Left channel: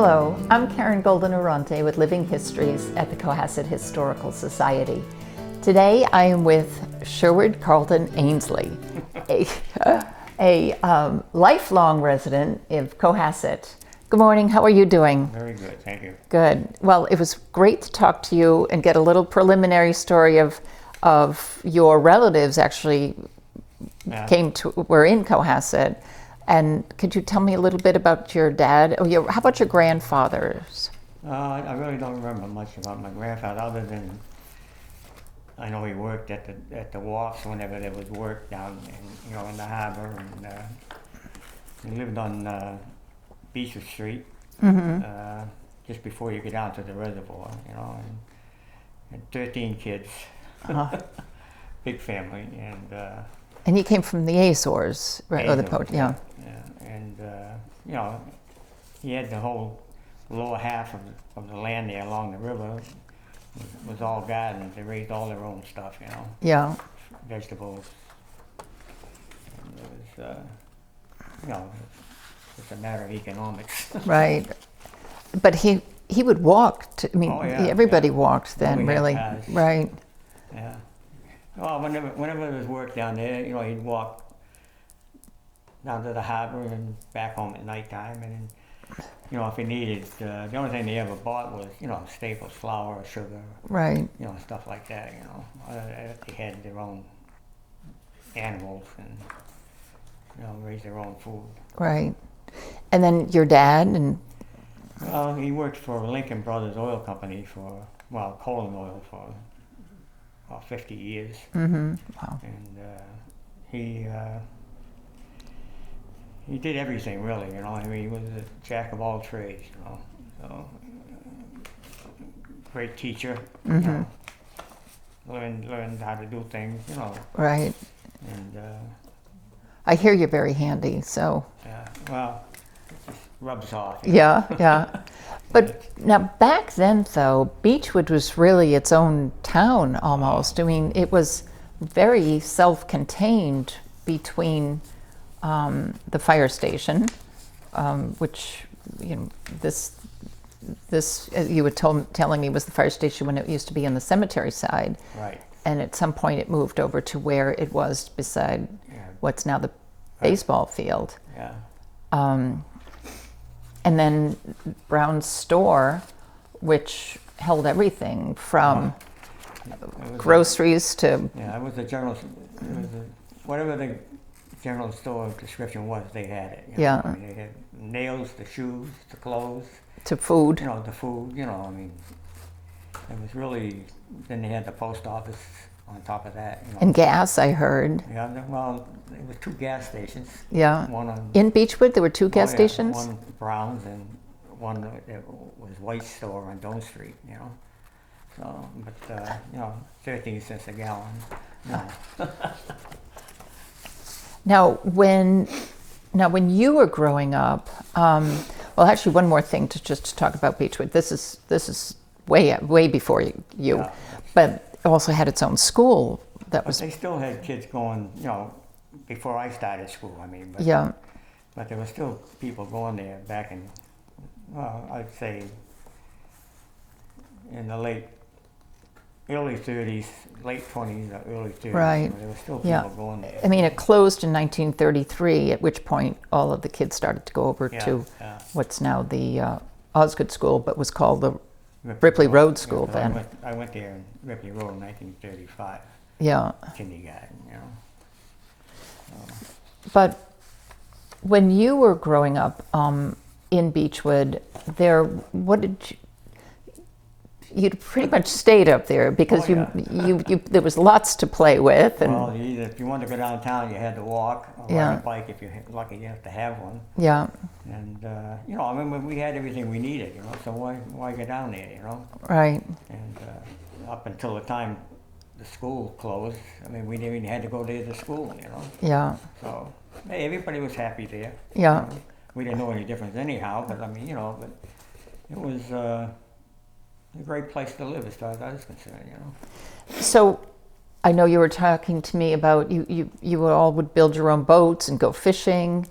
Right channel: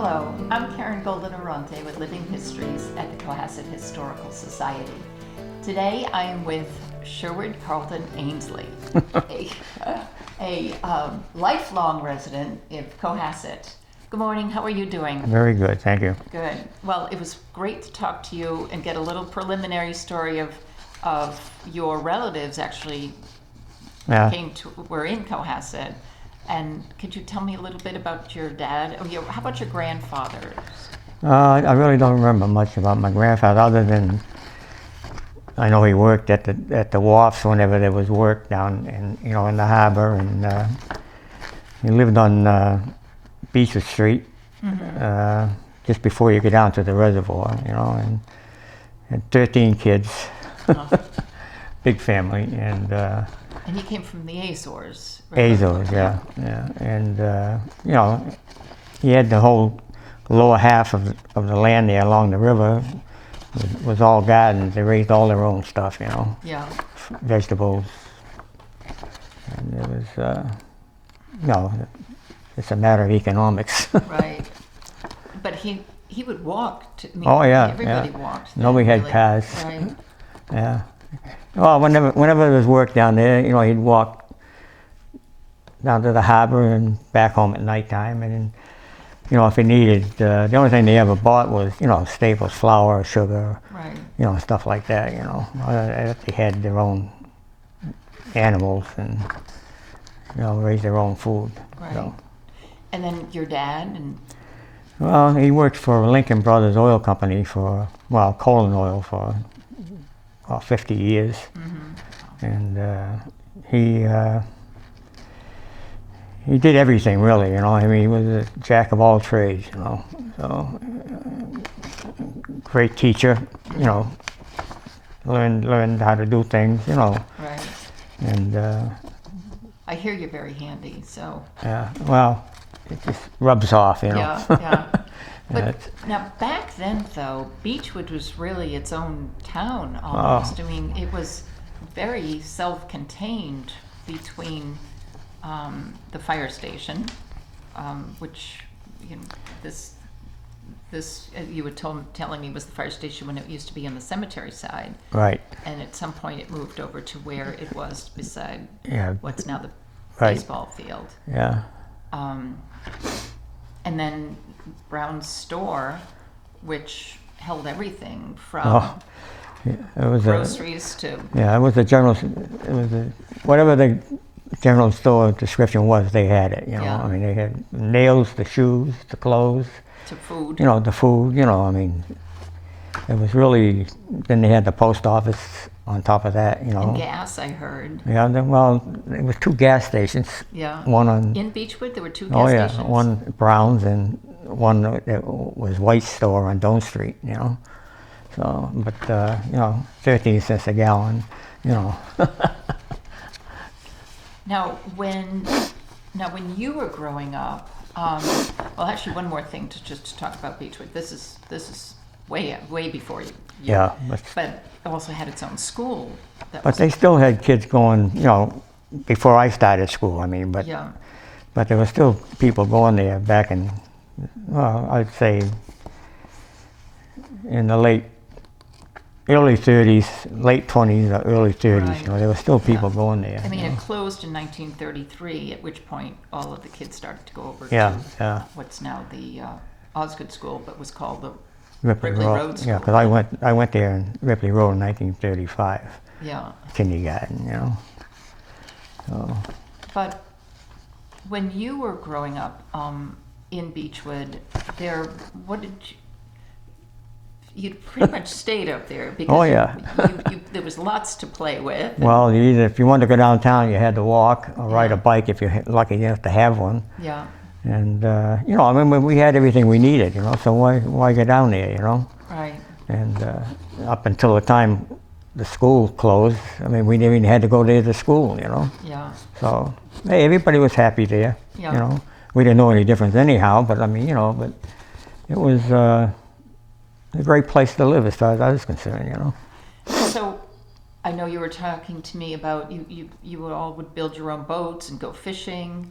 Hello, I'm Karen Golden-Arante with Living Histories at the Cohasset Historical Society. Today I am with Sherwood Carlton Ainslie, a lifelong resident of Cohasset. Good morning, how are you doing? Very good, thank you. Good. Well, it was great to talk to you and get a little preliminary story of your relatives actually were in Cohasset. And could you tell me a little bit about your dad? How about your grandfathers? I really don't remember much about my grandfather, other than I know he worked at the wharfs whenever there was work down in the harbor, and he lived on Beechwood Street, just before you get down to the reservoir, and had 13 kids, big family, And he came from the Azores, right? Azores, yeah. And he had the whole lower half of the land there along the river was all gardens. They raised all their own stuff, Yeah. vegetables. And it was, it's a matter of economics. Right. But he would walk. Everybody walked then. Nobody really. had cars. Right. Yeah. Well, whenever there was work down there, he'd walk down to the harbor and back home at nighttime. And if he needed, the only thing they ever bought was, staples, flour, sugar, right. Stuff like that. They had their own animals and raised their own food. Right. And then your dad Well, he worked for Lincoln Brothers Oil Company coal and oil for 50 years, Wow. and he did everything really. He was a jack of all trades. So great teacher. Learned how to do things. Right. And I hear you're very handy, so. yeah, well, it just rubs off. Yeah. But now back then, though, Beechwood was really its own town almost. Oh. I mean, it was very self-contained between the fire station, which this you were telling me was the fire station when it used to be on the cemetery side. Right. And at some point, it moved over to where it was beside what's now the Right. baseball field. Yeah. And then Brown's store, which held everything from It was groceries to it was whatever the general store description was, they had it. Yeah. I mean, they had nails, the shoes, the clothes, food. the food. I mean, it was really. Then they had the post office on top of that. And gas, I heard. Yeah. Well, it was 2 gas stations. Yeah. One on. In Beechwood, there were 2 gas stations? One Brown's and one that was White's store on Doan Street. So, but 13 cents a gallon. Now, when you were growing up, well, actually, one more thing to talk about Beechwood. This is way before you. Yeah. But it also had its own school. But they still had kids going, before I started school. I mean, but there were still people going there back in, I'd say, in the early 30s, late 20s, or early 30s. Right. There were still people going there. I mean, it closed in 1933, at which point all of the kids started to go over to what's now the Osgood School, but was called the Ripley Road School. Yeah, because I went there in Ripley Road in 1935. Yeah. Kindergarten, So. But when you were growing up in Beechwood, you'd pretty much stayed up there because there was lots to play with. Well, if you wanted to go downtown, you had to walk or ride a bike if you're lucky enough to have one. Yeah. And I mean, we had everything we needed, so why go down there, Right. And up until the time the school closed, I mean, we never even had to go there to school, Yeah. So hey, everybody was happy there. Yeah. We didn't know any difference anyhow, but I mean, but it was a great place to live as far as I was concerned, So I know you were talking to me about you all would build your own boats and go fishing.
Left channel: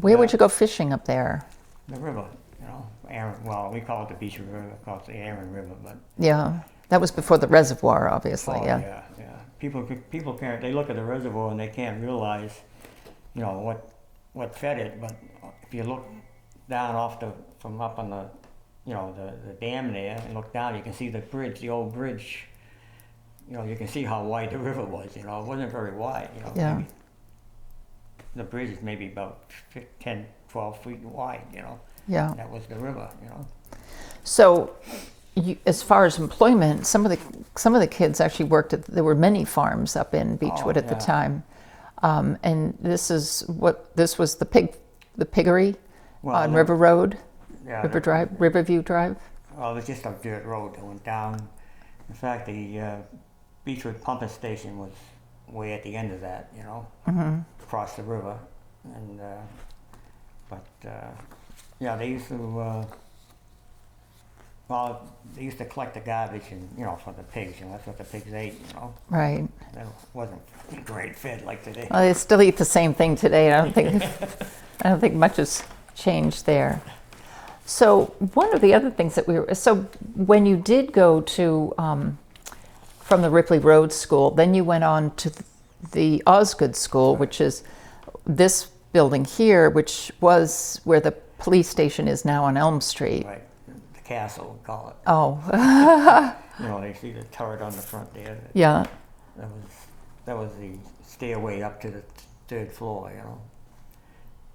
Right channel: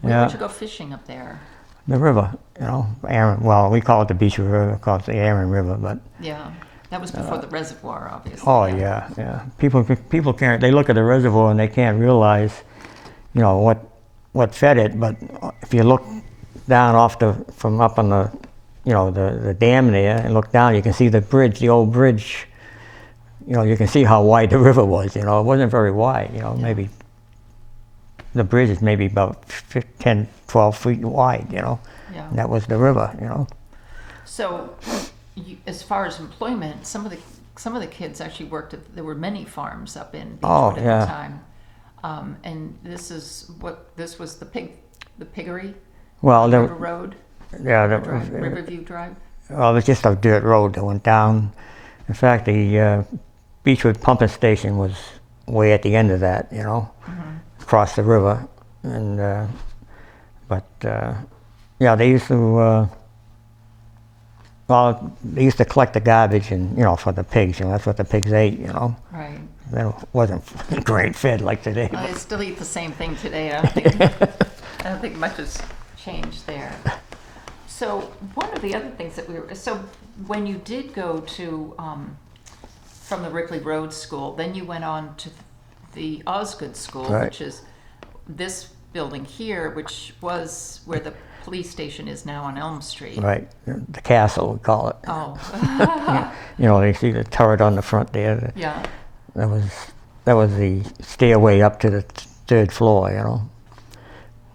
Where would you go fishing up there? the river, well, we call it the Beechwood River, of course, the Aaron River, but Yeah, that was before the reservoir, obviously. oh yeah. People can't. They look at the reservoir and they can't realize, what fed it. But if you look down from up on the dam there and look down, you can see the bridge, the old bridge. You can see how wide the river was. It wasn't very wide. Yeah. Maybe the bridge is maybe about 10, 12 feet wide. Yeah. And that was the river. So, as far as employment, some of the kids actually worked at. There were many farms up in Beechwood at the time, and this was the piggery on River Road, yeah, Riverview Drive. Well, it was just a dirt road that went down. In fact, the Beechwood pumping station was way at the end of that, across the river, and they used to. They used to collect the garbage and, for the pigs, that's what the pigs ate, Right. It wasn't grain fed like today. Well, they still eat the same thing today. I don't think much has changed there. So one of the other things that so when you did go to, from the Ripley Road School, then you went on to the Osgood School, Right. which is this building here, which was where the police station is now on Elm Street. Right, the castle, we call it. Oh. You see the turret on the front there. Yeah. That was the stairway up to the third floor,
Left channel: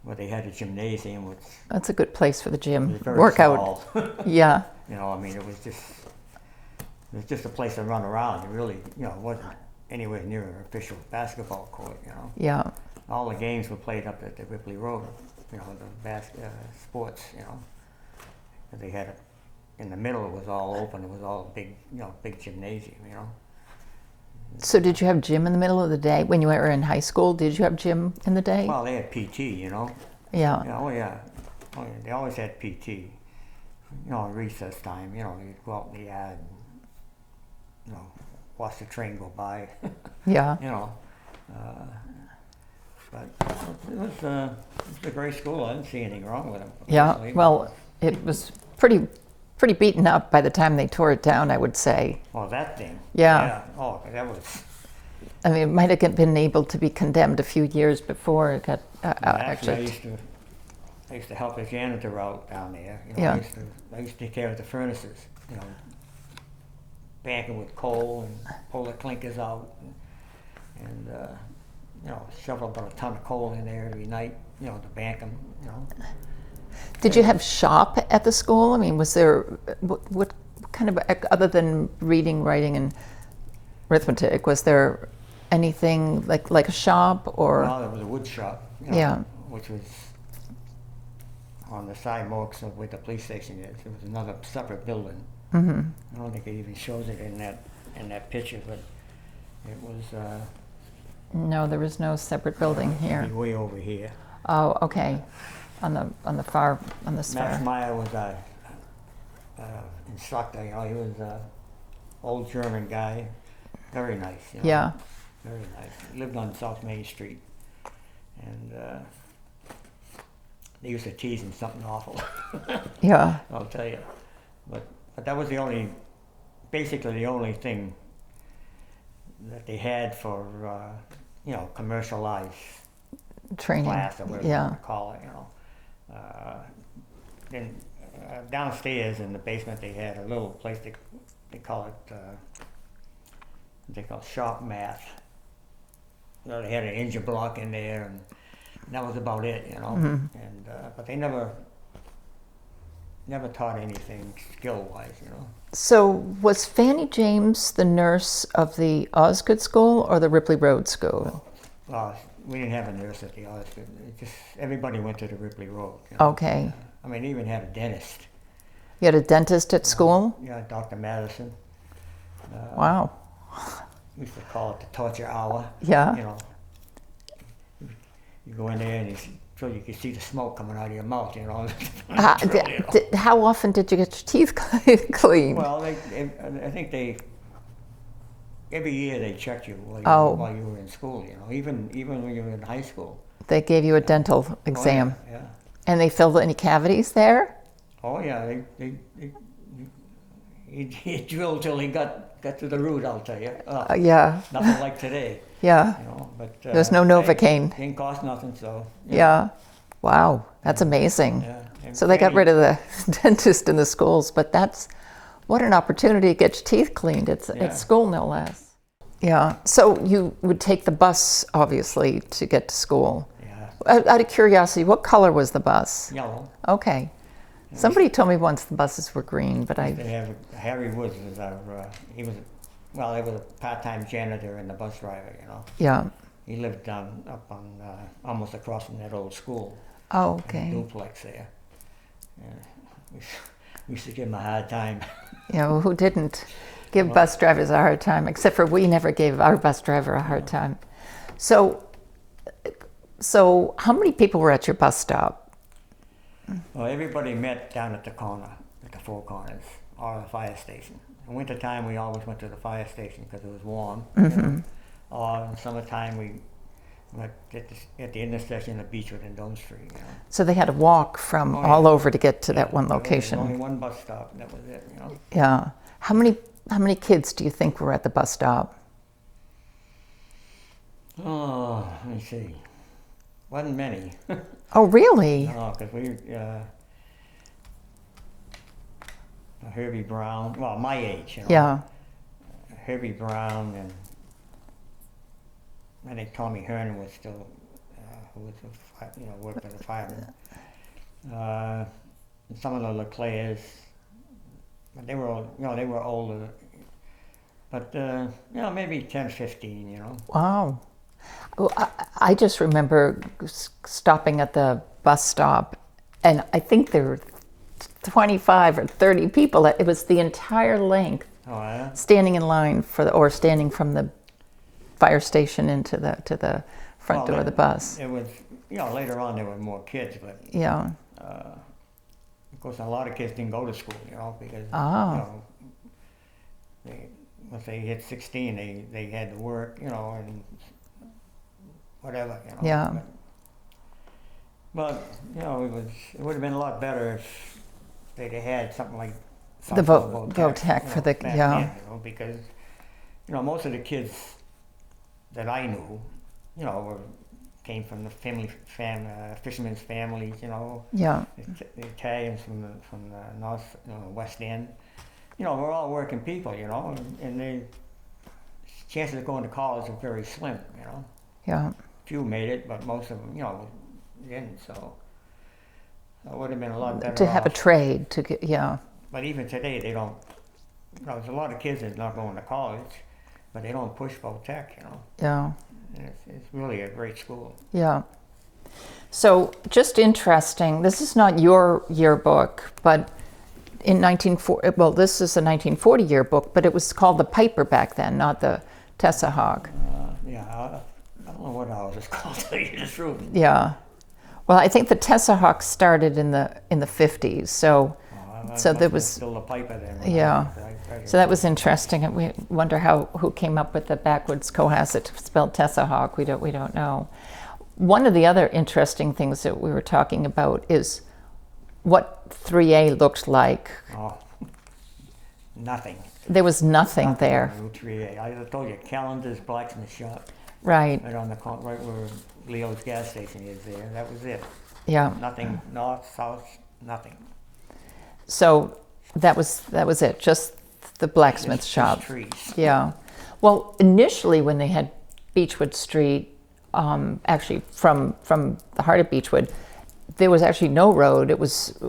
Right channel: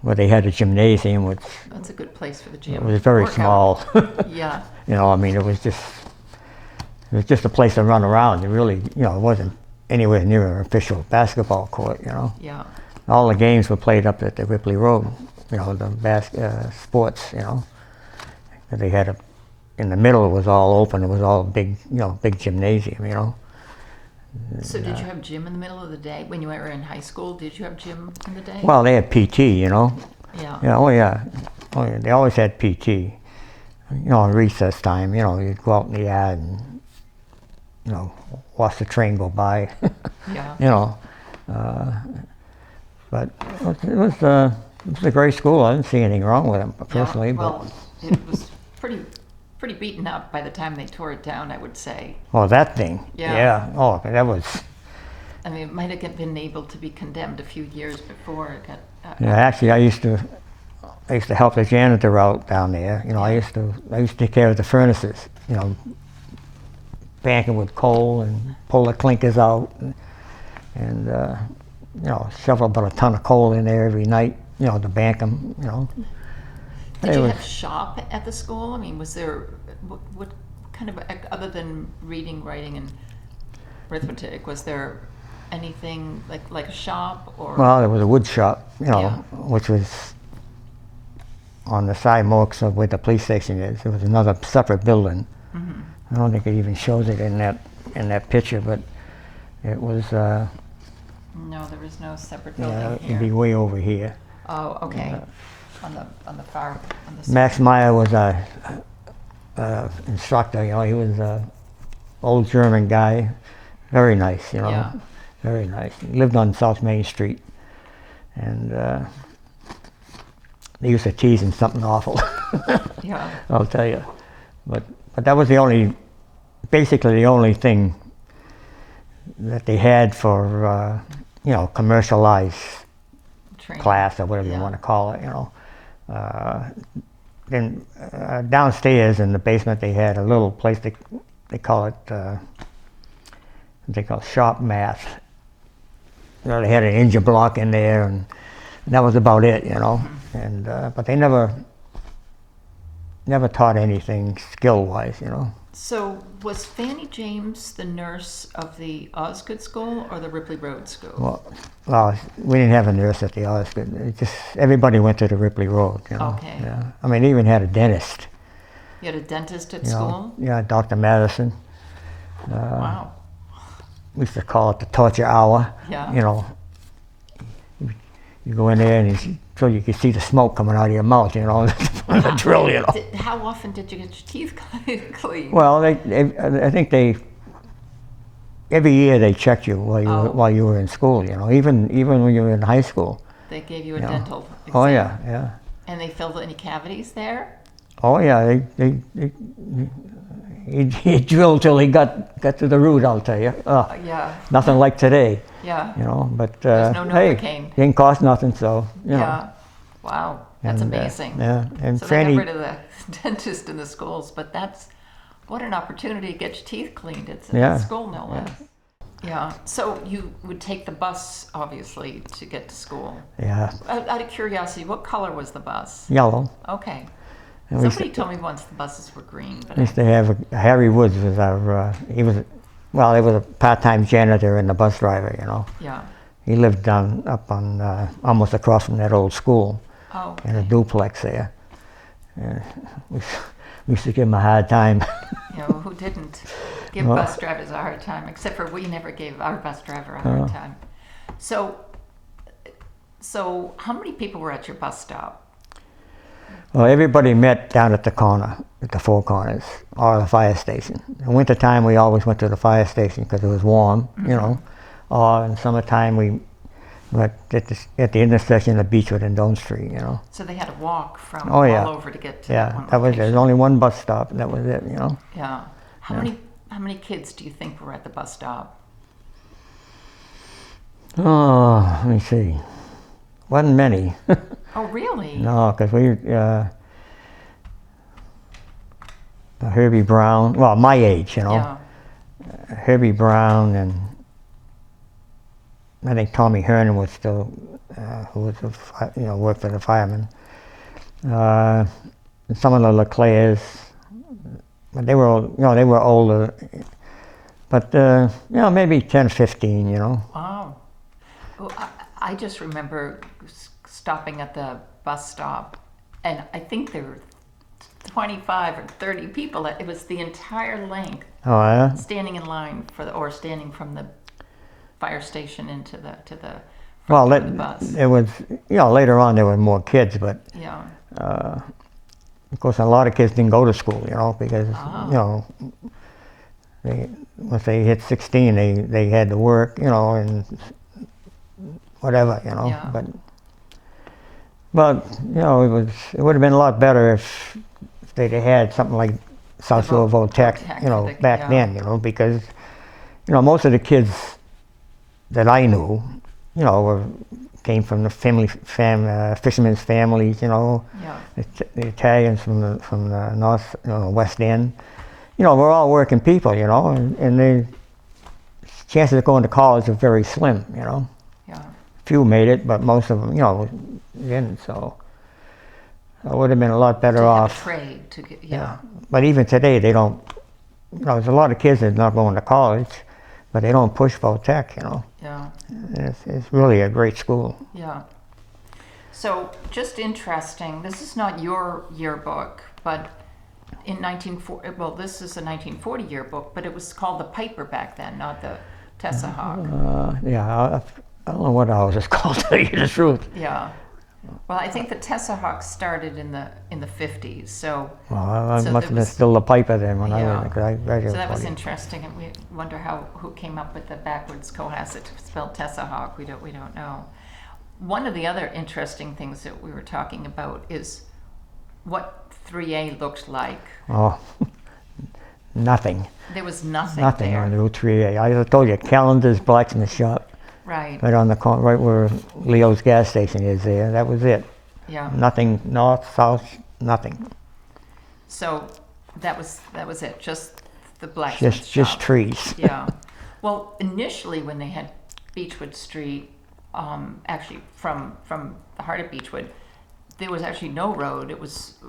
where they had a gymnasium, which That's a good place for the gym. it was very workout. small. Yeah. It was just a place to run around. It really, it wasn't anywhere near an official basketball court, Yeah. All the games were played up at the Ripley Road, the sports, that they had in the middle. It was all open. It was all big, big gymnasium, So did you have gym in the middle of the day? When you were in high school, did you have gym in the day? Well, they had PT, Yeah. Oh yeah. They always had PT. In recess time, you'd go out in the yard and, watch the train go by. Yeah. But it was a great school. I didn't see anything wrong with it personally. Yeah. Well, it was pretty beaten up by the time they tore it down, I would say. Oh, that thing. Yeah. Yeah. Oh, that was. I mean, it might have been able to be condemned a few years before it got. Actually, I used to help the janitor out down there. Yeah. I used to take care of the furnaces. Banking with coal and pull the clinkers out, and shovel about a ton of coal in there every night. To bank them. Did you have shop at the school? I mean, was there what kind of, other than reading, writing, and arithmetic, was there anything like a shop or? Well, there was a wood shop, Yeah. which was on the sidewalks of where the police station is. There was another separate building. Mm-hmm. I don't think it even shows it in that picture, but it was. No, there was no separate building It'd here. be way over here. Oh, okay. On the far on the Max side. Meyer was a instructor. He was a old German guy, very nice. Yeah. Very nice. He lived on South Main Street, and they used to tease him something awful. Yeah. I'll tell you, but that was basically the only thing that they had for commercialized Training. class or whatever you want to call it. Then downstairs in the basement they had a little place they call shop math. They had an engine block in there, and that was about it. Mm-hmm. And but they never taught anything skill-wise. So was Fanny James the nurse of the Osgood School or the Ripley Road School? Well, we didn't have a nurse at the Osgood. Everybody went to the Ripley Road. Okay. Yeah. I mean, they even had a dentist. You had a dentist at school? Yeah, Dr. Madison. Wow. We used to call it the torture hour. Yeah. You go in there and so you could see the smoke coming out of your mouth, the drill, How often did you get your teeth cleaned? Well, I think every year they checked you while you were in school, even when you were in high school. They gave you a dental exam. Oh yeah, yeah. And they filled any cavities there? Oh yeah, he drilled till he got to the root, I'll tell you. Yeah. Nothing like today. Yeah. You know, but There's no Novocaine. Hey, didn't cost nothing, so you know. Yeah. Wow, that's amazing. Yeah. And so they got rid of the dentist in the schools, but what an opportunity to get your teeth cleaned at school, no less. Yeah. So you would take the bus, obviously, to get to school. Yeah. Out of curiosity, what color was the bus? Yellow. Okay. Somebody told me once the buses were green, but we used to have Harry Woods was our. He was a part-time janitor and the bus driver. You know. Yeah. He lived up on almost across from that old school. Oh, okay. In a duplex there. We used to give him a hard time. Yeah, well, who didn't give bus drivers a hard time? Except for we never gave our bus driver a hard time. So how many people were at your bus stop? Well, everybody met down at the corner, at the Four Corners, or the fire station. In wintertime, we always went to the fire station because it was warm, you know. Or in summertime, we went at the intersection of Beechwood and Don Street, you know. So they had to walk from all over to get to that one location. There's only one bus stop, and that was it, you know. Yeah. How many kids do you think were at the bus stop? Oh, let me see. Wasn't many. Oh, really? No, because Herbie Brown, well, my age, you know. Yeah. Herbie Brown and I think Tommy Hernan was still, who was, worked for the firemen. Some of the LeClairs, but they were older. But, maybe 10, 15, you know. Wow. Well, I just remember stopping at the bus stop, and I think there were 25 or 30 people. It was the entire length. Oh, yeah? Standing in line or standing from the fire station to the front door of the bus. It was, later on there were more kids, but yeah. Of course, a lot of kids didn't go to school, you know, because once they hit 16, they had to work, you know, and whatever, you know. Yeah. But it would have been a lot better if they'd had something like Southfield Votech, back then, you know, because most of the kids that I knew, came from the fishermen's families, you know. Yeah. The Italians from the north, West End. We're all working people, and the chances of going to college are very slim, you know. Yeah. Few made it, but most of them, didn't. So it would have been a lot better off to have a trade to get. Yeah. But even today, they don't. There's a lot of kids that are not going to college, but they don't push Votech, you know. Yeah. It's really a great school. Yeah. So just interesting. This is not your yearbook, but in 1940. Well, this is a 1940 yearbook, but it was called the Piper back then, not the Tessa Hawk. I don't know what ours is called, to tell you the truth. Yeah. Well, I think the Tessa Hawk started in the 50s. So, so there was still the Piper then. When yeah. I read it. So that was interesting. And we wonder who came up with the backwards Cohasset spelled Tessa Hawk. We don't know. One of the other interesting things that we were talking about is what 3A looked like. Oh, nothing. There was nothing there. On Route 3A. I told you, Callender's blacksmith shop. Right. Right on the corner, right where Leo's gas station is there. That was it. Yeah. Nothing north, south, nothing. So that was it. Just the blacksmith shop. Just trees. Yeah. Well, initially when they had Beechwood Street, actually from the heart of Beechwood, there was actually no road. It was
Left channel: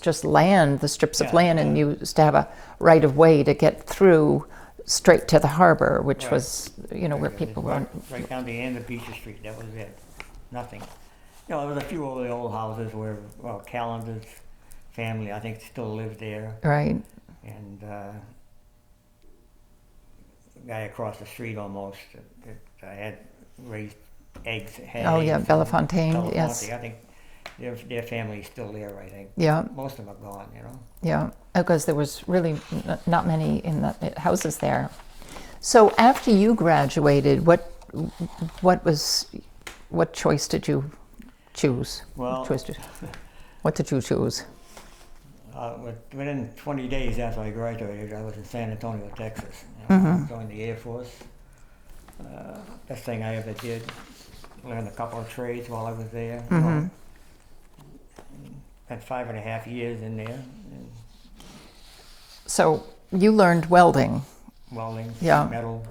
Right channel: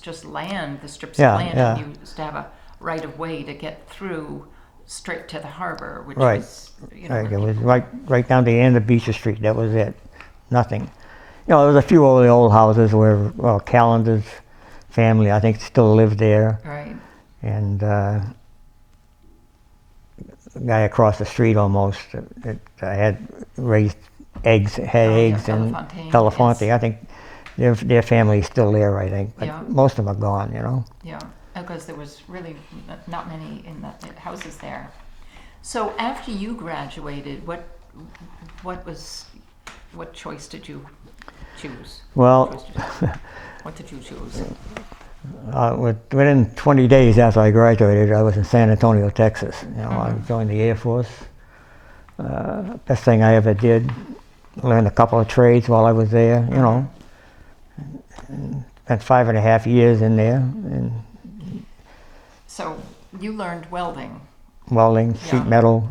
just land, the strips of land, and you used to have a right of way to get through straight to the harbor, which was, where it people was right down the end of Beechwood Street. That was it. Nothing. There was a few old houses where Callender's family, I think, still lived there. Right. And the guy across the street almost that had raised eggs, Telefonte. Yes. I think their family's still there, I think. But yeah. most of them are gone, you know. Yeah. Because there was really not many in the houses there. So after you graduated, what choice did you choose? Well, What did you choose? Within 20 days after I graduated, I was in San Antonio, Texas. You know, I joined the Air Force. Best thing I ever did. Learned a couple of trades while I was there. You know, and spent 5.5 years in there. And So you learned welding. welding, sheet metal.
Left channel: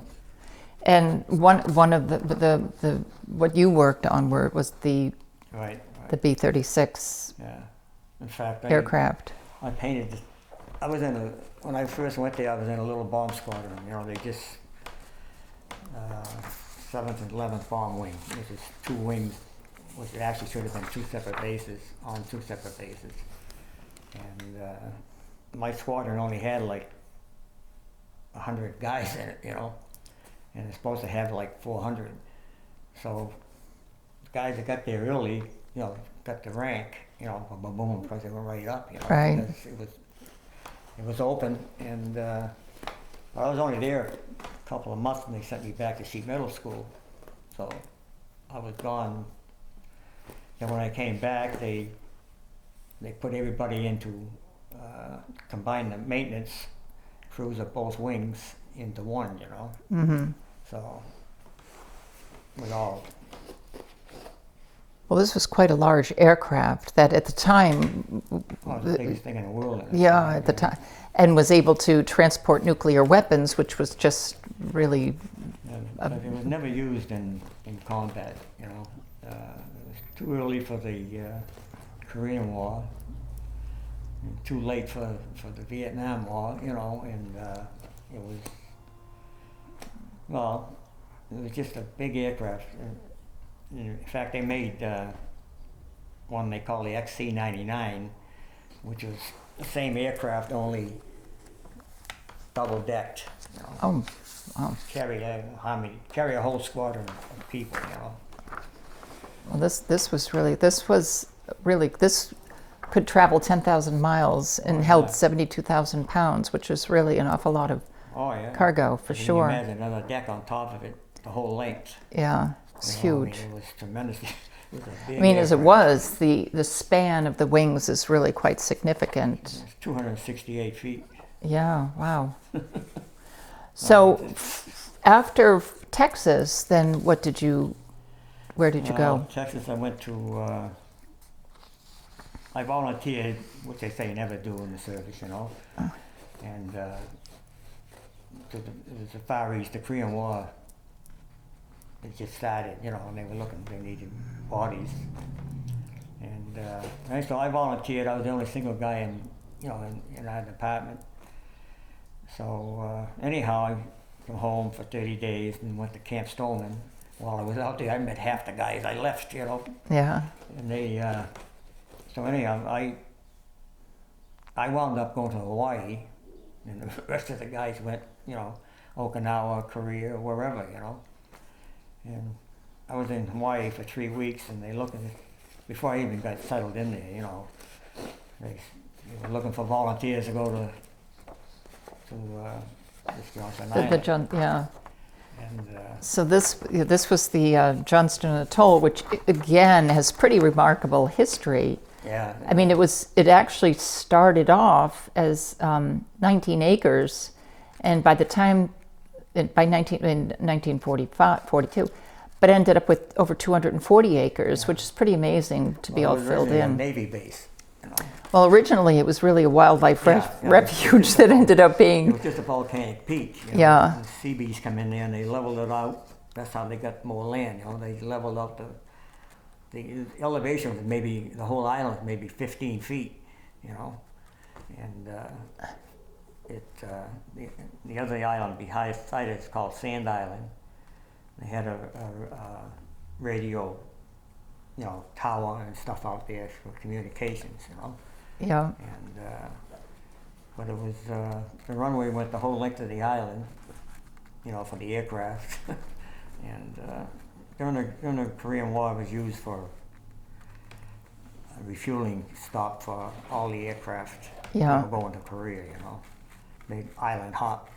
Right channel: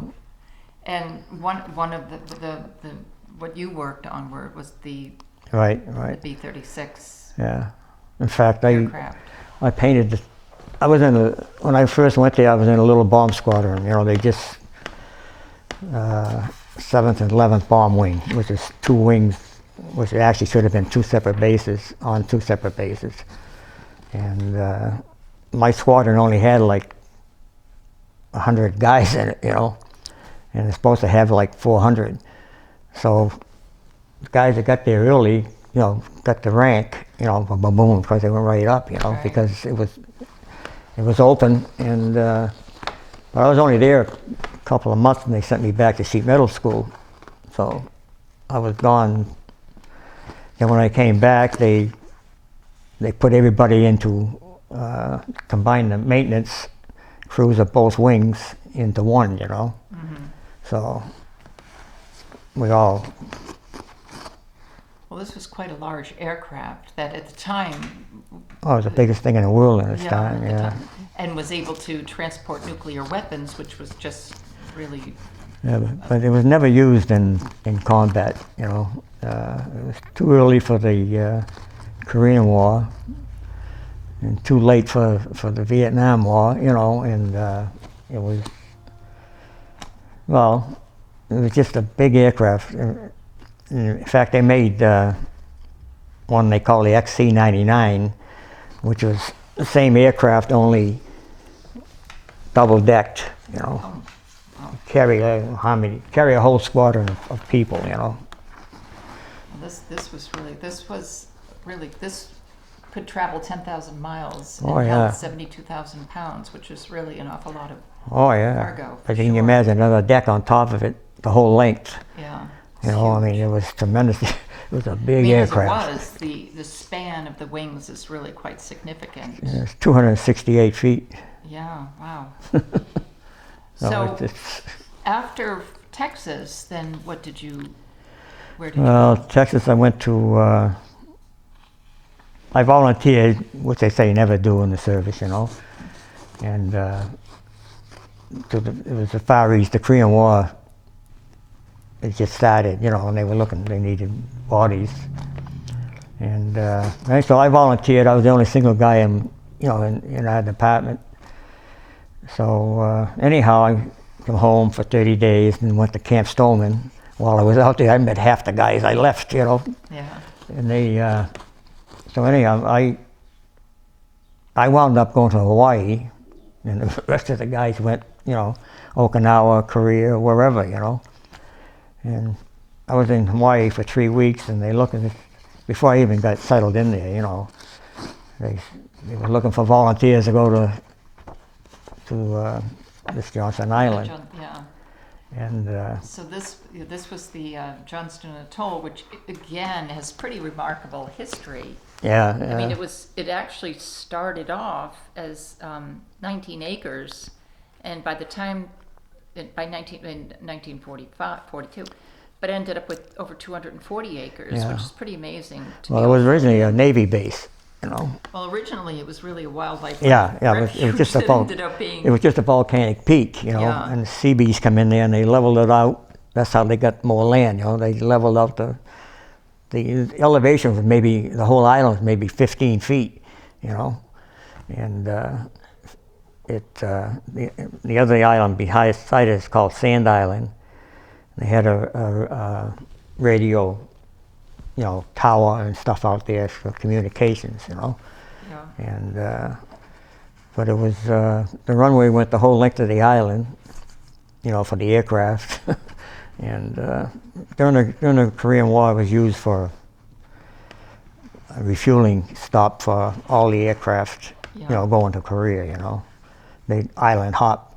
And one of the what you worked on was the Right. the B-36 Yeah. In fact, aircraft. I painted. I was when I first went there. I was in a little bomb squadron. You know, they just 7th and 11th Bomb Wing, which is 2 wings, which actually should have been 2 separate bases on 2 separate bases. And my squadron only had like 100 guys in it, you know, and it's supposed to have like 400. So the guys that got there early, you know, got the rank, you know, boom, because they went right up, you know, because it was open. And but I was only there a couple of months, and they sent me back to sheet metal school. So I was gone. And when I came back, they put everybody into combined the maintenance crews of both wings into one, you know. So we all. Well, this was quite a large aircraft that at the time. Oh, it was the biggest thing in the world at the time. At the time, and was able to transport nuclear weapons, which was just really. Yeah, but it was never used in combat, you know. It was too early for the Korean War, and too late for the Vietnam War, you know. And it was, well, it was just a big aircraft. In fact, they made one they call the XC-99, which was the same aircraft, only double-decked, you know. Oh, wow. Carry a whole squadron of people, you know. Well, this could travel 10,000 miles and held 72,000 pounds, which is really an awful lot of cargo. For But you can imagine another deck on top of it, the whole length. Yeah. You know, huge. I mean, it was tremendous. It was a big I mean, aircraft. as it was, the span of the wings is really quite significant. It's 268 feet. Yeah, wow. So after Texas, then where did you go? Texas, I went to, I volunteered, which they say you never do in the service, you know. And it was the Far East, the Korean War. It just started, you know, and they needed bodies. And so I volunteered. I was the only single guy in our department. So anyhow, I came home for 30 days and went to Camp Stoneman. While I was out there, I met half the guys I left, you know. Yeah. And so anyhow, I wound up going to Hawaii, and the rest of the guys went, you know, Okinawa, Korea, wherever, you know. And I was in Hawaii for 3 weeks, and they looked at it before I even got settled in there, you know. They were looking for volunteers to go to this Johnson Island. And so this was the Johnston Atoll, which again has pretty remarkable history. Yeah. I mean, it actually started off as 19 acres, and by the time in 1942, but ended up with over 240 acres, which is pretty amazing to be. Well, it was originally a Navy base, you know. Well, originally it was really a wildlife refuge that ended up being. It was just a volcanic peak, you know, and the sea bees come in there and they leveled it out. That's how they got more land, you know. They leveled out the elevation was maybe, the whole island was maybe 15 feet, you know. And the other island behind it is called Sand Island. They had a radio, you know, tower and stuff out there for communications, you know. Yeah. And but it was the runway went the whole length of the island, you know, for the aircraft. And during the Korean War, it was used for a refueling stop for all the aircraft, you know, going to Korea, you know. They island hop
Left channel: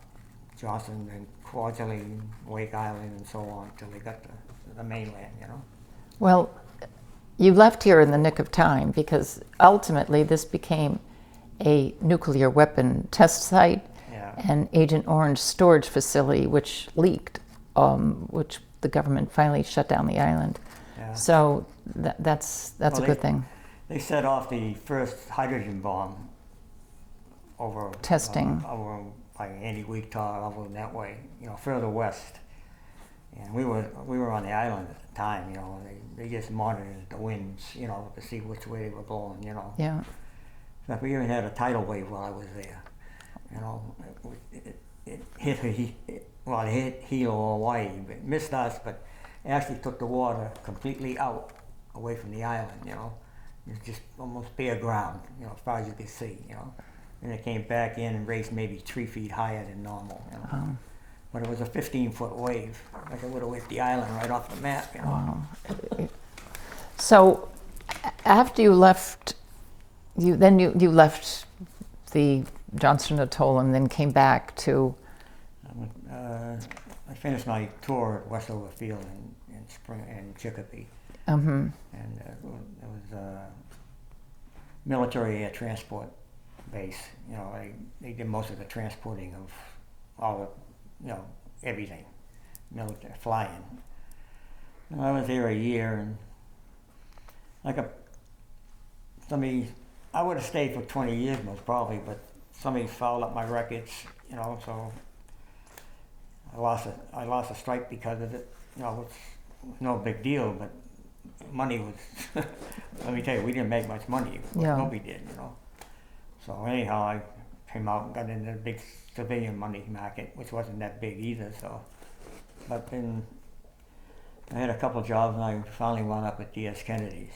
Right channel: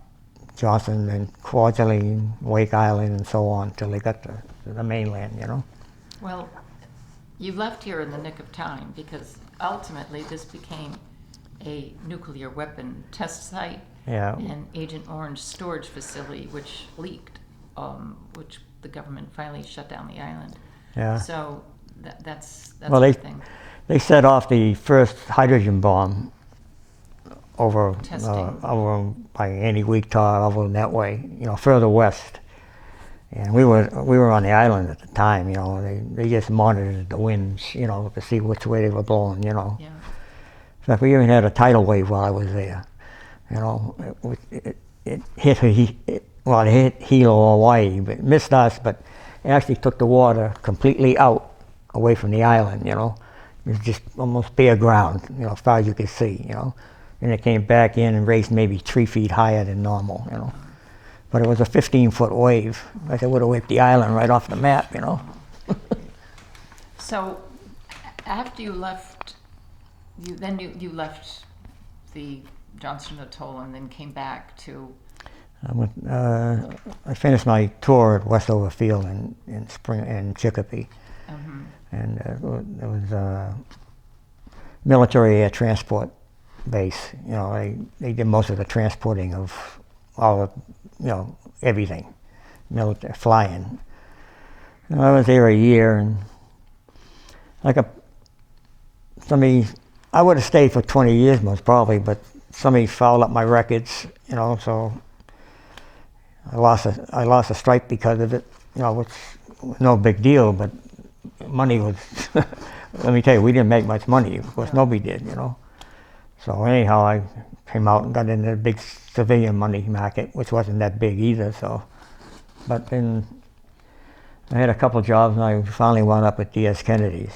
Johnson and Kwajalein, Wake Island, and so on, till they got to the mainland, you know. Well, You left here in the nick of time because ultimately this became a nuclear weapon test site Yeah. and Agent Orange storage facility, which leaked, which the government finally shut down the island. Yeah. So that's Well, a they- good thing. They set off the first hydrogen bomb over Testing. over by Annie-Weektar, over that way, further west. And we were on the island at the time. They just monitored the winds, to see which way they were blowing. Yeah. In fact, we even had a tidal wave while I was there. It hit Hilo, Hawaii, but it missed us. But it actually took the water completely out, away from the island. It was just almost bare ground, as far as you could see. And it came back in and raised maybe 3 feet higher than normal. But it was a 15-foot wave. Like it would have whipped the island right off the map. So after you left, you left the Johnston Atoll and then came back to. I finished my tour at Westover Field in spring in Chicopee, Mm-hmm. and it was a military air transport base. They did most of the transporting of all the, everything, military flying. I was there a year, and I would have stayed for 20 years most probably, but somebody fouled up my records, so I lost a stripe because of it, which was no big deal, but money was, let me tell you, we didn't make much money, of course. Yeah. Nobody did, So anyhow, I came out and got into the big civilian money market, which wasn't that big either, so. But then I had a couple jobs, and I finally wound up at D.S. Kennedy's,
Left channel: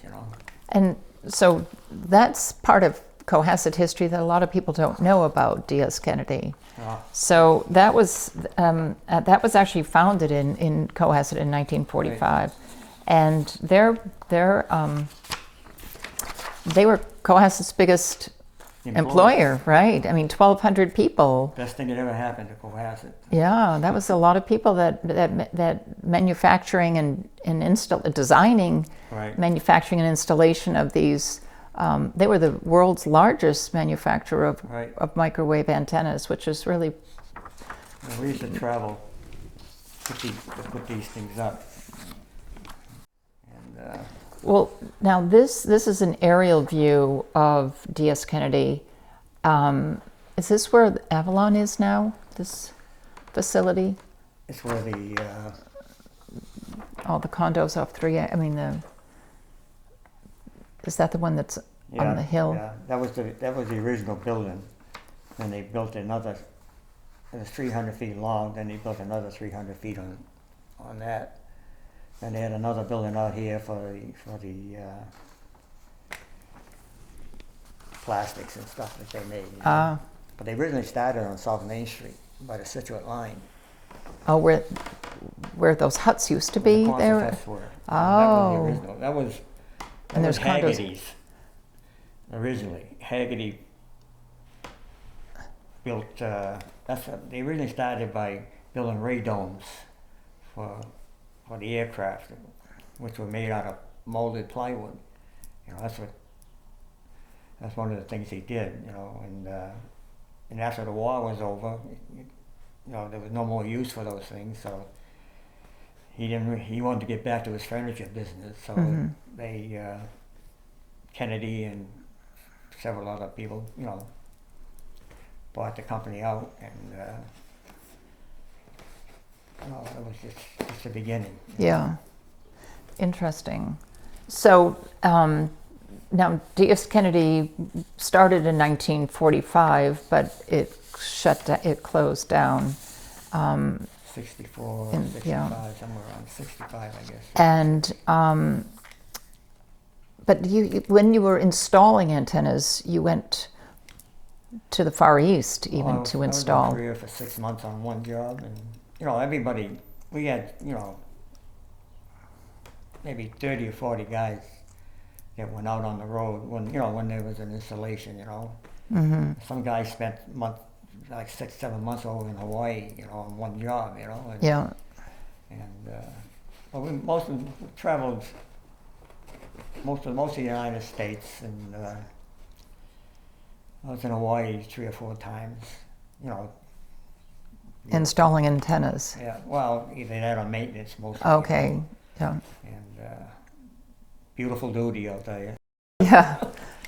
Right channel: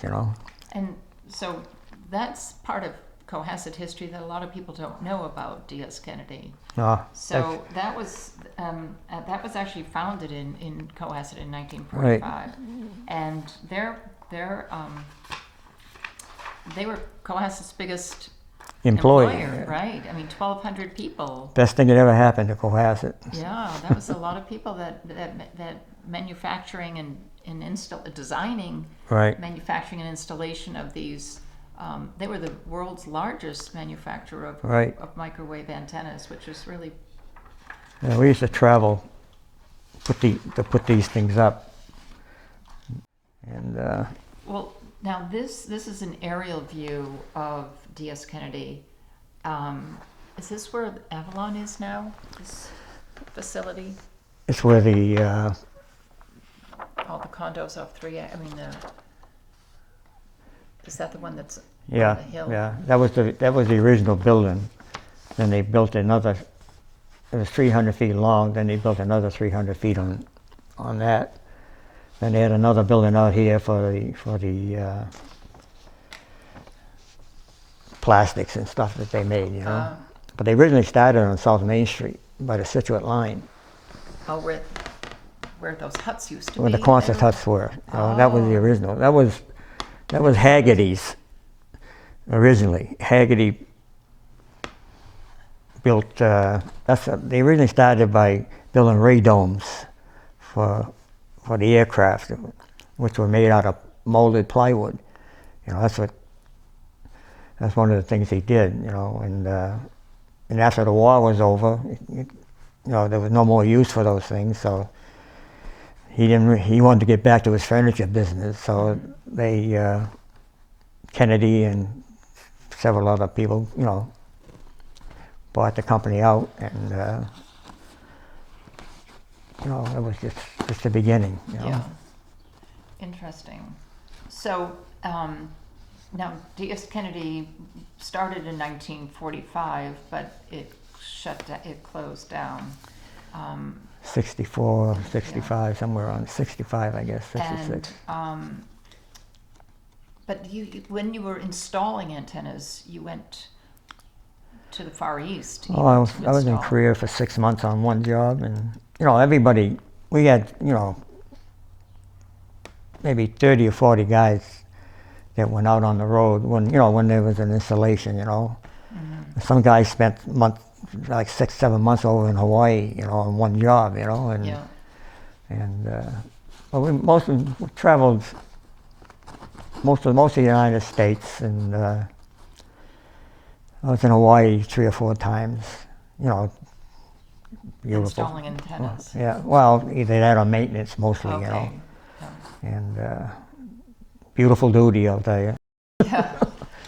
And so that's part of Cohasset history that a lot of people don't know about D.S. Kennedy. So that was actually founded in Cohasset in 1945, Right. and they were Cohasset's biggest employer, right? I mean, 1,200 people. Best thing that ever happened to Cohasset. Yeah, that was a lot of people that manufacturing and designing, Right. manufacturing and installation of these. They were the world's largest manufacturer of Right. microwave antennas, which is really. We used to travel to put these things up. And Well, now this is an aerial view of D.S. Kennedy. Is this where Avalon is now? This facility? it's where the Oh, the condos off 3. I mean, is that the one that's yeah, on the hill? yeah, that was the original building. Then they built another. It was 300 feet long. Then they built another 300 feet on that. Then they had another building out here for the plastics and stuff that they made. But they originally started on South Main Street by the Situate line, Oh, where those huts used to where be. the Quonset there? huts were. That was the Oh. original. That was there's condos. Haggerty's originally. Haggerty built. They originally started by building radomes for the aircraft, which were made out of molded plywood. That's one of the things he did. And after the war was over, there was no more use for those things. So he wanted to get back to his furniture business. So they Kennedy and several other people, bought the company out, and it was just the beginning. Yeah. Interesting. So now D.S. Kennedy started in 1945, but it closed down. 64, And, 65, somewhere around 65, I guess. 66. And but when you were installing antennas, you went to the Far East even I was to in install. Korea for 6 months on one job, and everybody, we had maybe 30 or 40 guys that went out on the road when there was an installation. Some guys spent like 6-7 months over in Hawaii, on one job, and Yeah. and well, we traveled most of the United States, and I was in Hawaii 3 or 4 times. You know, beautiful. Installing antennas. Yeah, well, either that or maintenance mostly. Okay. You know? Yeah. And beautiful duty, I'll tell you. Yeah.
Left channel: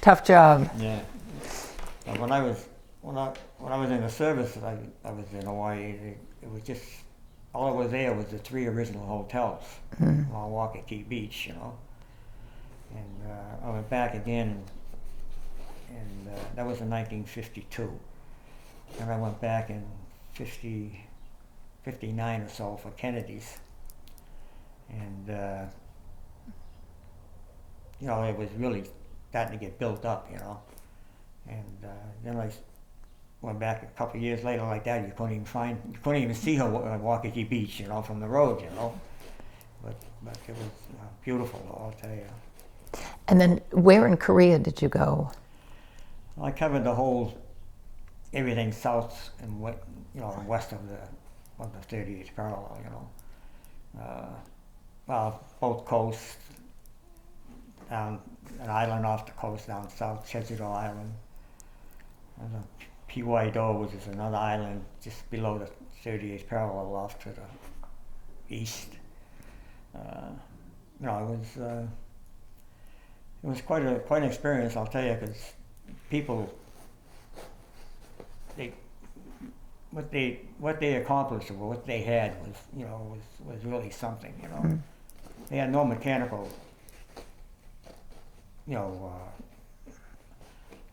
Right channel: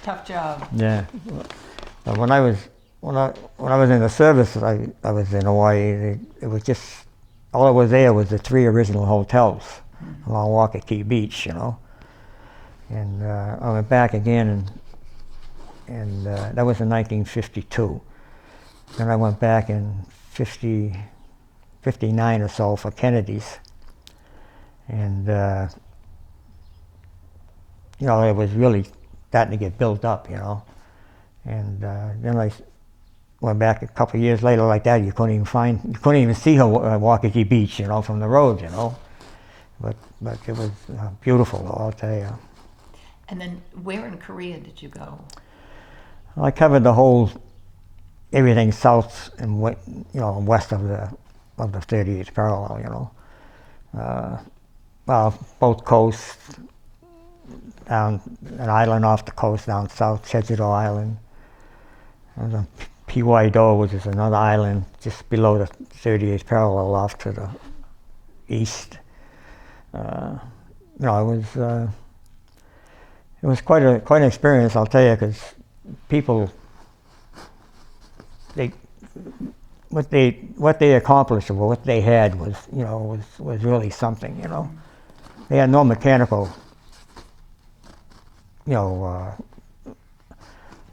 Tough job. Yeah. But when I was in the service, I was in Hawaii. It was just all that was there was the 3 original hotels along Waikiki Beach, you know. And I went back again, and that was in 1952. Then I went back in 59 or so for Kennedy's, and you know, it was really starting to get built up, you know. And then I went back a couple of years later like that. You couldn't even see Waikiki Beach, you know, from the road, you know. But it was beautiful, though, I'll tell you. And then where in Korea did you go? I covered everything south and west of the 38th parallel, you know. Well, both coasts, down an island off the coast down south, Jeju-do Island. There's a P.Y.Do, which is another island just below the 38th parallel off to the east. You know, it was quite an experience, I'll tell you, because people, what they accomplished or what they had was really something, you know. They had no mechanical, you know,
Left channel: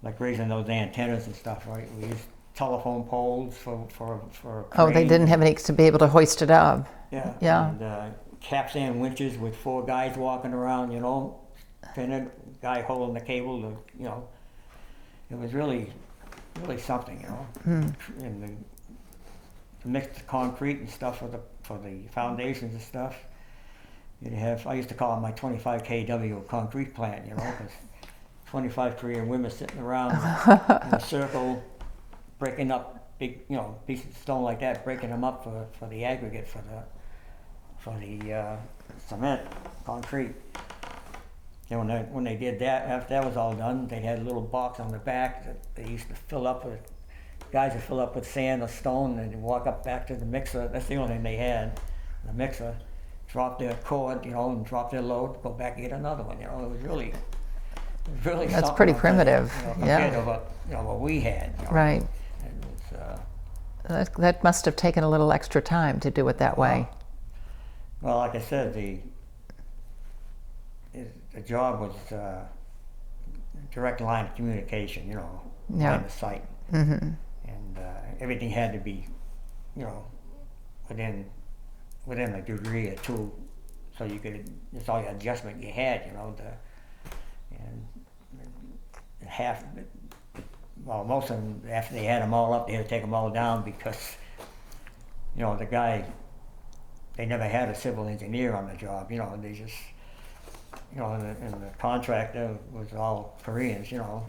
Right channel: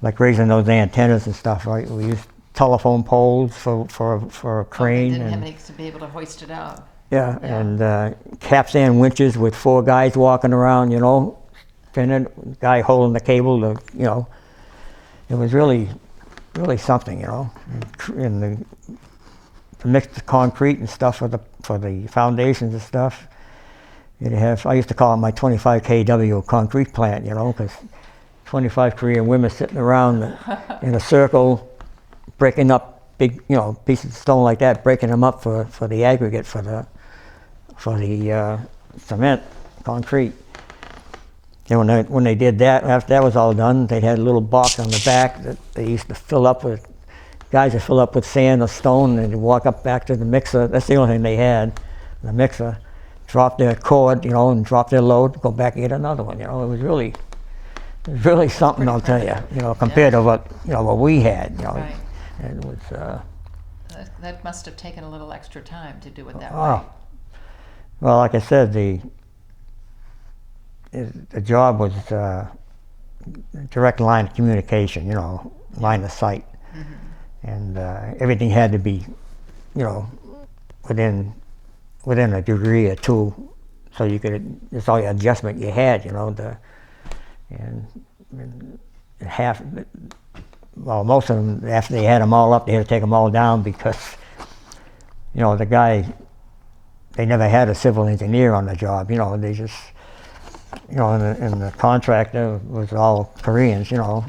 like raising those antennas and stuff, right? We used telephone poles for a crane. Oh, they didn't have any to be able to hoist it up. Yeah, yeah. And capstan winches with 4 guys walking around, you know, spinning, guy holding the cable, you know. It was really something, you know. And to mix the concrete and stuff for the foundations and stuff. I used to call it my 25 kW concrete plant, you know, because 25 Korean women sitting around in a circle, breaking up big, you know, pieces of stone like that, breaking them up for the aggregate for the cement, concrete. And when they did that, after that was all done, they had a little box on the back that they used to fill up with, guys would fill up with sand or stone, and they'd walk up back to the mixer. That's the only thing they had, the mixer. Drop their cord, you know, and drop their load, go back and get another one. You know, it was really That's something. Pretty primitive, you know, compared to what we had. You know, right. It was. That must have taken a little extra time to do it that way. Well, like I said, the job was direct line of communication. You know, line of sight, and everything had to be, you know, within a degree or two, so you could, it's all the adjustment you had, you know, and most of them, after they had them all up, they had to take them all down because, you know, they never had a civil engineer on the job, you know, they just, you know, and the contractor was all Koreans, you know.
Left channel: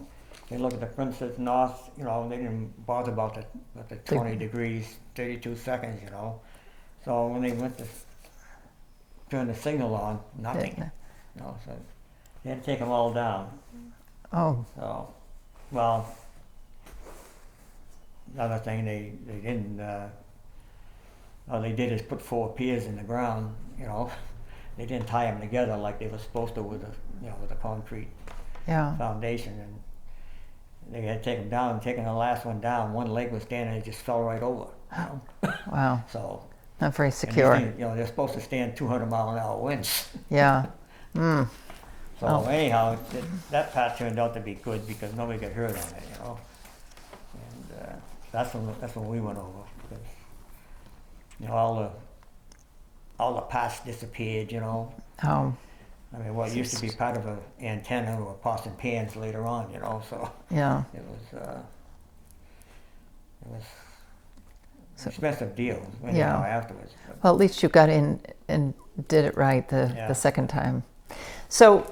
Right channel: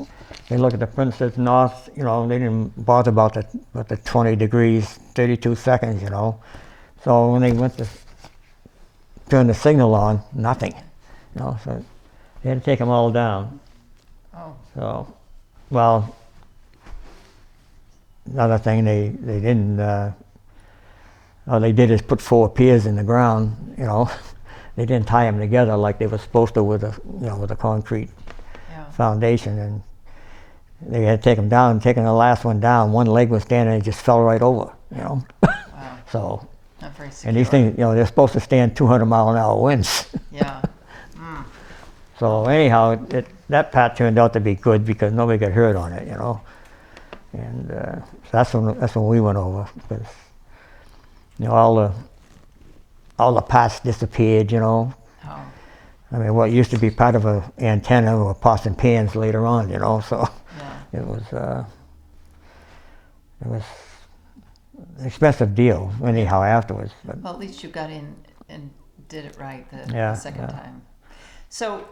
They look at the Princess North, you know, they didn't bother about the 20 degrees, 32 seconds, you know. So when they went to turn the signal on, nothing. You know, so they had to take them all down. Oh. So, well, another thing they didn't, all they did is put 4 piers in the ground. You know, they didn't tie them together like they were supposed to with a concrete foundation, and they had to take them down. Taking the last one down, one leg was standing and it just fell right over. You know. Wow. So. Not very secure. And these things, you know, they're supposed to stand 200-mile-an-hour winds. Yeah. So anyhow, that part turned out to be good because nobody got hurt on it, you know. And so that's when we went over, because, you know, all the parts disappeared, you know. Oh. I mean, what used to be part of an antenna were pots and pans later on, you know. So yeah, it was an expensive deal anyhow afterwards. But. Well, at least you got in and did it right the second time. So,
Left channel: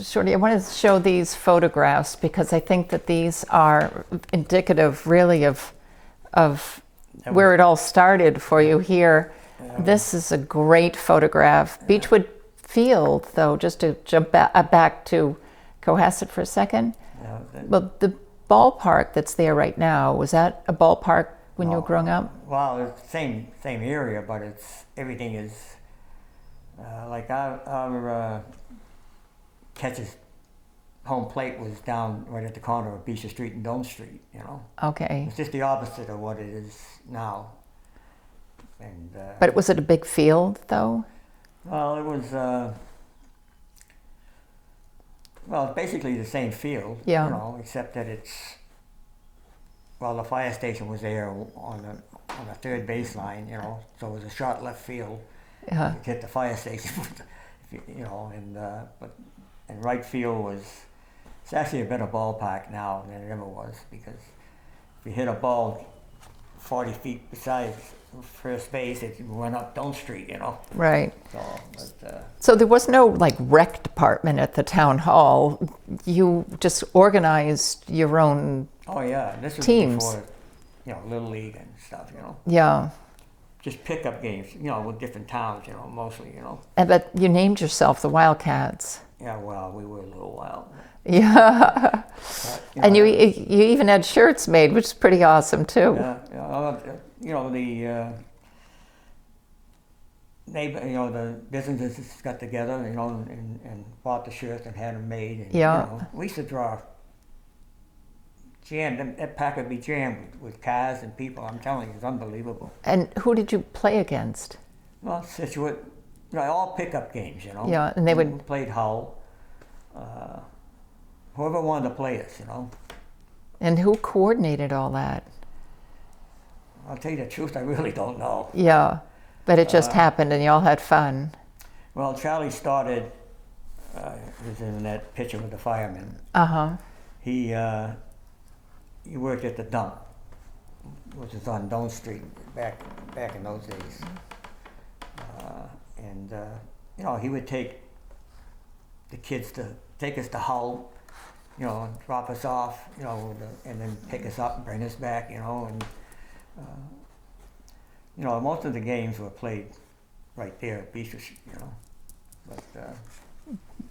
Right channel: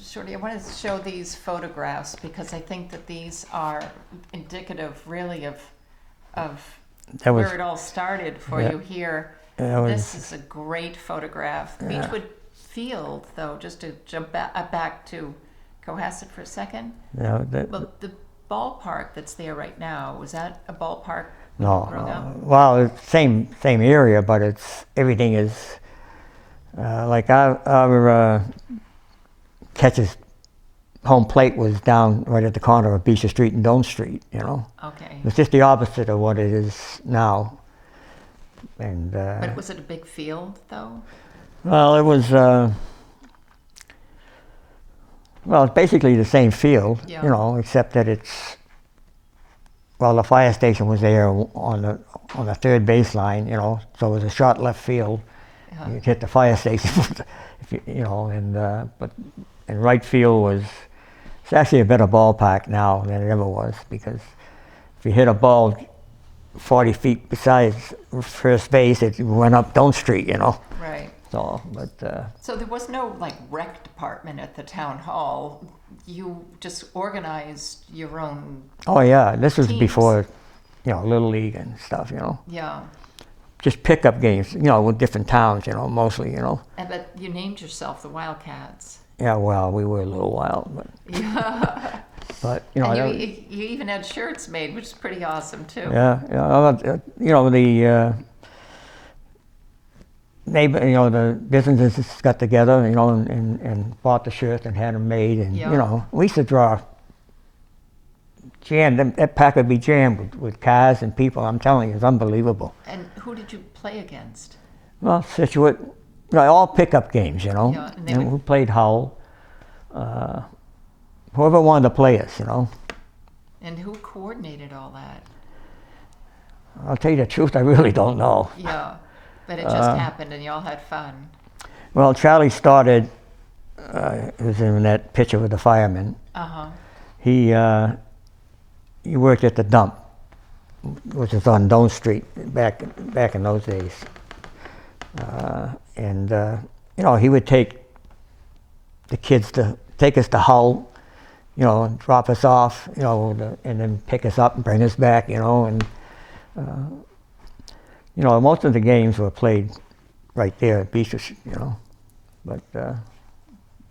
Shorty, I want to show these photographs because I think that these are indicative, really, of where it all started for you here. This is a great photograph. Beechwood field, though, just to jump back to Cohasset for a second. You know, Well, the ballpark that's there right now, was that a ballpark when you were growing up? Well, it's same area, but it's everything is like our catches home plate was down right at the corner of Beechwood Street and Dome Street. You know, Okay. it's just the opposite of what it is now. And But was it a big field, though? well, it was. Well, it's basically the same field, Yeah. you know, except that the fire station was there on the third baseline, you know, so it was a short left field. Yeah. You hit the fire station, and right field it's actually a better ballpark now than it ever was, because if you hit a ball 40 feet besides first base, it went up Dome Street, you know. Right. So, So there was no like rec department at the town hall. You just organized your own. oh yeah, this was Teams. before, you know, Little League and stuff, you know. Yeah. Just pickup games, you know, with different towns, you know, mostly, you know. But you named yourself the Wildcats. Yeah, well, we were a little wild, Yeah. but you know, And you even had shirts made, which is pretty awesome too. yeah, you know, the neighbor, you know, the businesses got together, you know, and bought the shirts and had them made, and Yeah. you know, we used to draw jam. That pack would be jammed with cars and people. I'm telling you, it's unbelievable. And who did you play against? Well, Situate, you know, all pickup games, you know. Yeah, and they You know, would- who played Hull, whoever wanted to play us, you know. And who coordinated all that? I'll tell you the truth, I really don't know. Yeah. But it just happened and you all had fun. Well, Charlie started, he was in that picture with the fireman. Uh-huh. He worked at the dump, which is on Dome Street back in those days. You know, he would take the kids take us to Hull, you know, and drop us off, you know, and then pick us up and bring us back, you know, and you know, most of the games were played right there at Beechwood, you know, but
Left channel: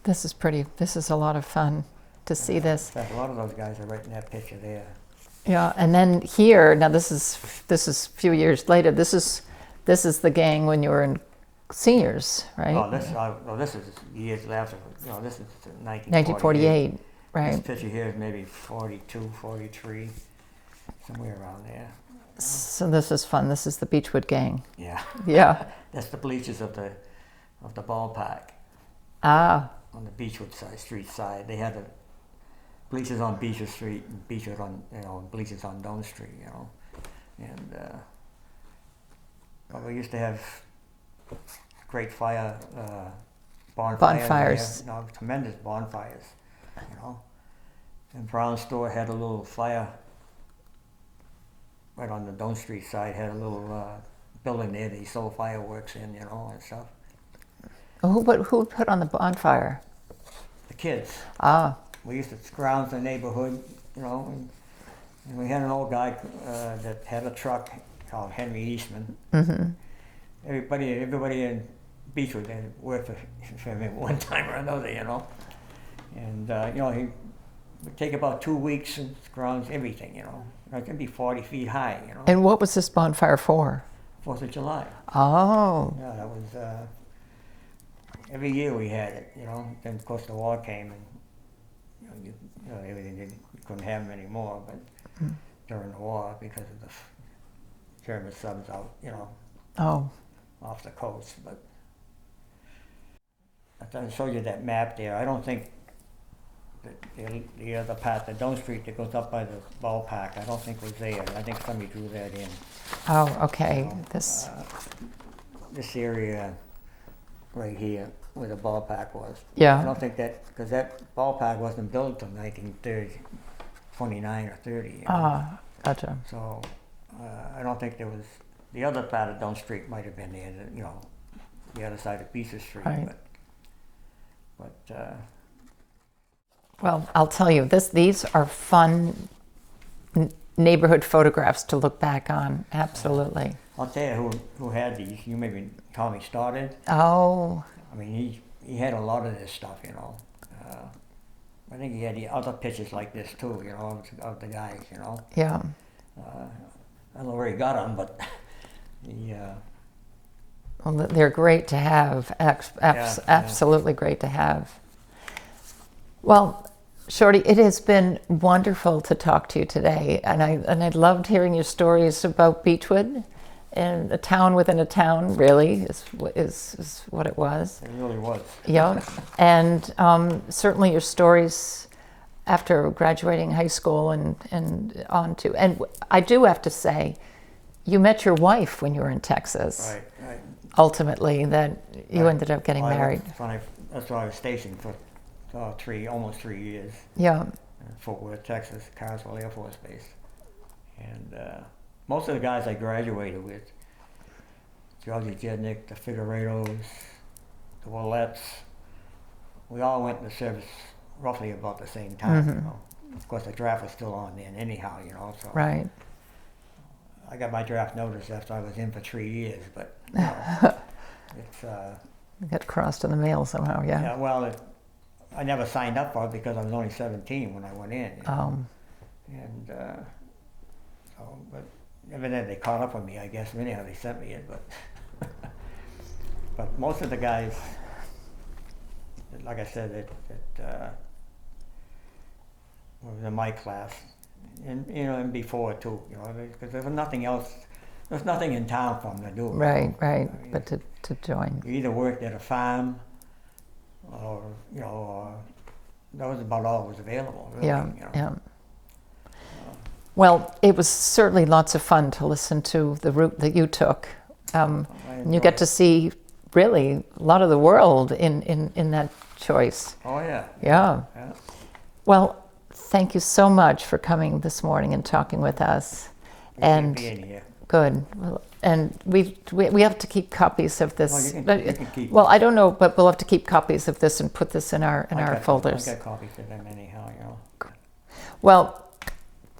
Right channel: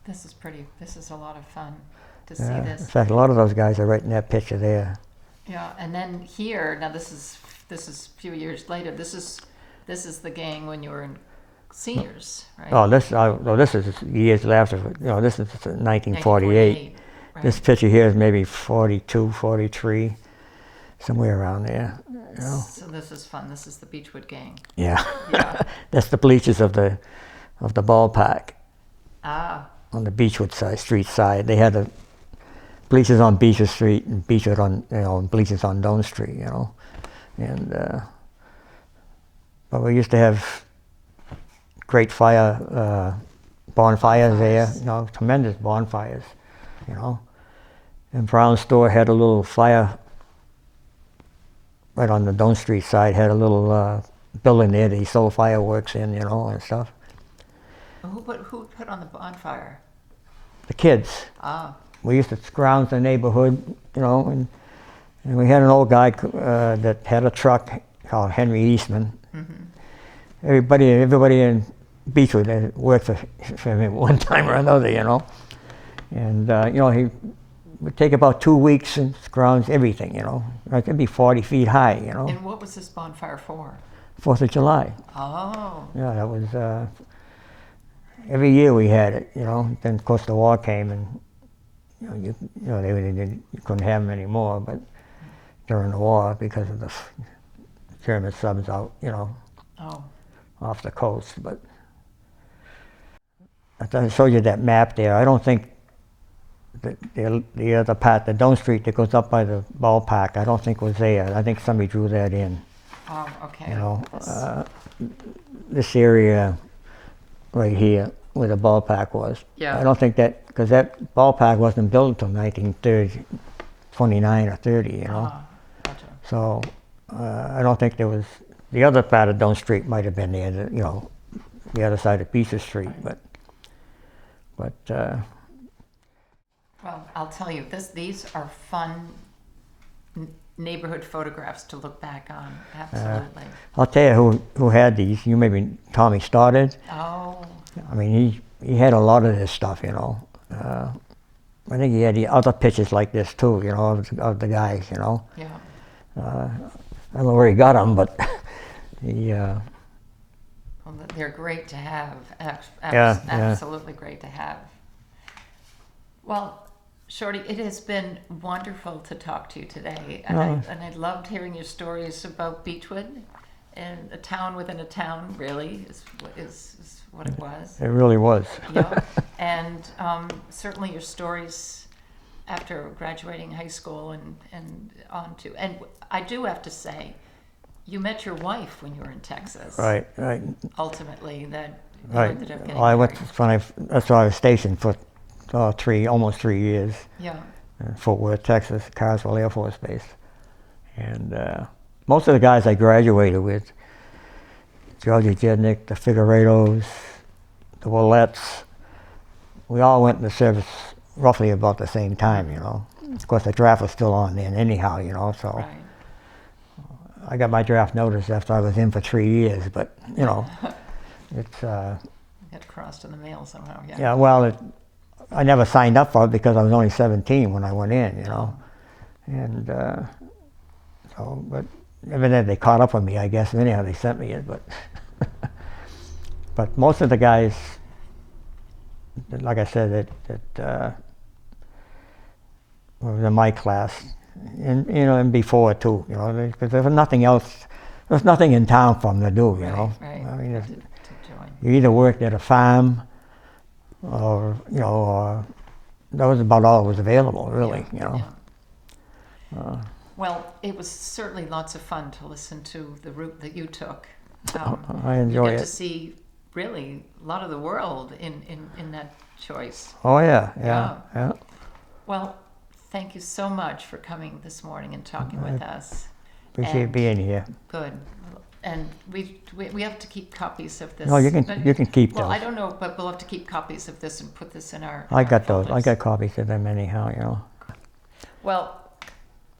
This is a lot of fun to see in this. fact, a lot of those guys are right in that picture there. Yeah, and then here, now this is a few years later. This is the gang when you were in seniors, right? Oh, this is years after. You know, this is 1948. 1948, right? This picture here is maybe 42, 43, somewhere around there. You know? So this is fun. This is the Beechwood gang. Yeah. Yeah. That's the bleachers of the ballpark Ah, on the Beechwood street side. They had the bleachers on Beechwood Street and Beechwood on, you know, bleachers on Dome Street. You know, and but we used to have great bonfires there. You know, tremendous bonfires. You know, and Brown Store had a little fire right on the Dome Street side. Had a little building there that he sold fireworks in. You know, and stuff. who put on the bonfire? The kids. Ah, We used to scrounge the neighborhood, you know, and we had an old guy that had a truck called Henry Eastman. mm-hmm. Everybody in Beechwood had worked for him at one time or another, you know. And, you know, he would take about 2 weeks and scrounge everything, you know. It could be 40 feet high, you know. And what was this bonfire for? 4th of July. Oh, Yeah, that was, every year we had it, you know. Then, of course, the war came and, you know, you couldn't have them anymore, but during the war, because of the German subs out, you know, oh, off the coast. But I showed you that map there. I don't think the other part, the Dome Street that goes up by the ballpark, I don't think was there. I think somebody drew that in. oh, okay. You know, This- this area right here where the ballpark was. Yeah. I don't think that, because that ballpark wasn't built until 1930, 29 or 30, you know. Ah, gotcha. So I don't think there was, the other part of Dome Street might have been there, you know, the other side of Beechwood Street, Right. but Well, I'll tell you, these are fun neighborhood photographs to look back on. Absolutely. I'll tell you who had these. You maybe Tommy Stoddard. Oh, I mean, he had a lot of this stuff, you know. I think he had the other pictures like this too, you know, of the guys, you know. Yeah. I don't know where he got them, but he. Well, they're great to have. Absolutely great to have. Well, Shorty, it has been wonderful to talk to you today, and I loved hearing your stories about Beechwood, and a town within a town. Really, is what it was. It really was. Yeah, and certainly your stories after graduating high school and on to. And I do have to say, you met your wife when you were in Texas. Right. Ultimately, that you ended up getting married. That's where I was stationed for almost 3 years. Yeah. In Fort Worth, Texas, Carswell Air Force Base. And most of the guys I graduated with, Georgie Jednick, the Figueredos, the Willettes, we all went into service roughly about the same time, you know. Of course, the draft was still on then anyhow, you know, so. Right. I got my draft notice after I was in for 3 years, but, you know, it's... It got crossed in the mail somehow, yeah. Yeah, well, I never signed up for it because I was only 17 when I went in, you know. And but evidently they caught up with me, I guess. Anyhow, they sent me it, but... But most of the guys, like I said, that was in my class, and you know, and before too, you know, because there was nothing else. There's nothing in town for them to do. Right, you know? right. I mean, But to join. You either worked at a farm, or you know, that was about all that was available, really. Yeah, you know. yeah. Well, it was certainly lots of fun to listen to the route that you took. I enjoy you get it. to see really a lot of the world in that choice. Oh yeah. Well, thank you so much for coming this morning and talking with us. Appreciate being here. Good. And we have to keep copies of this. No, you can keep Well, them. I don't know, but we'll have to keep copies of this and put this in our folders. I got copies of them anyhow, you know. Well,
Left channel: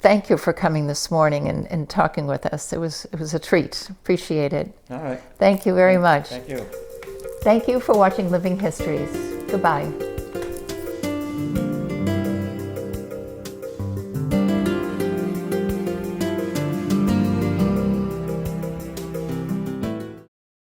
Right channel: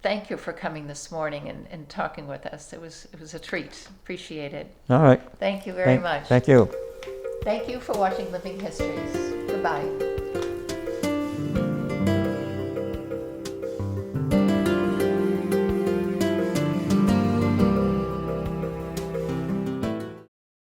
thank you for coming this morning and talking with us. It was a treat. Appreciate it. All right. Thank you very much. Thank you. Thank you for watching Living Histories. Goodbye.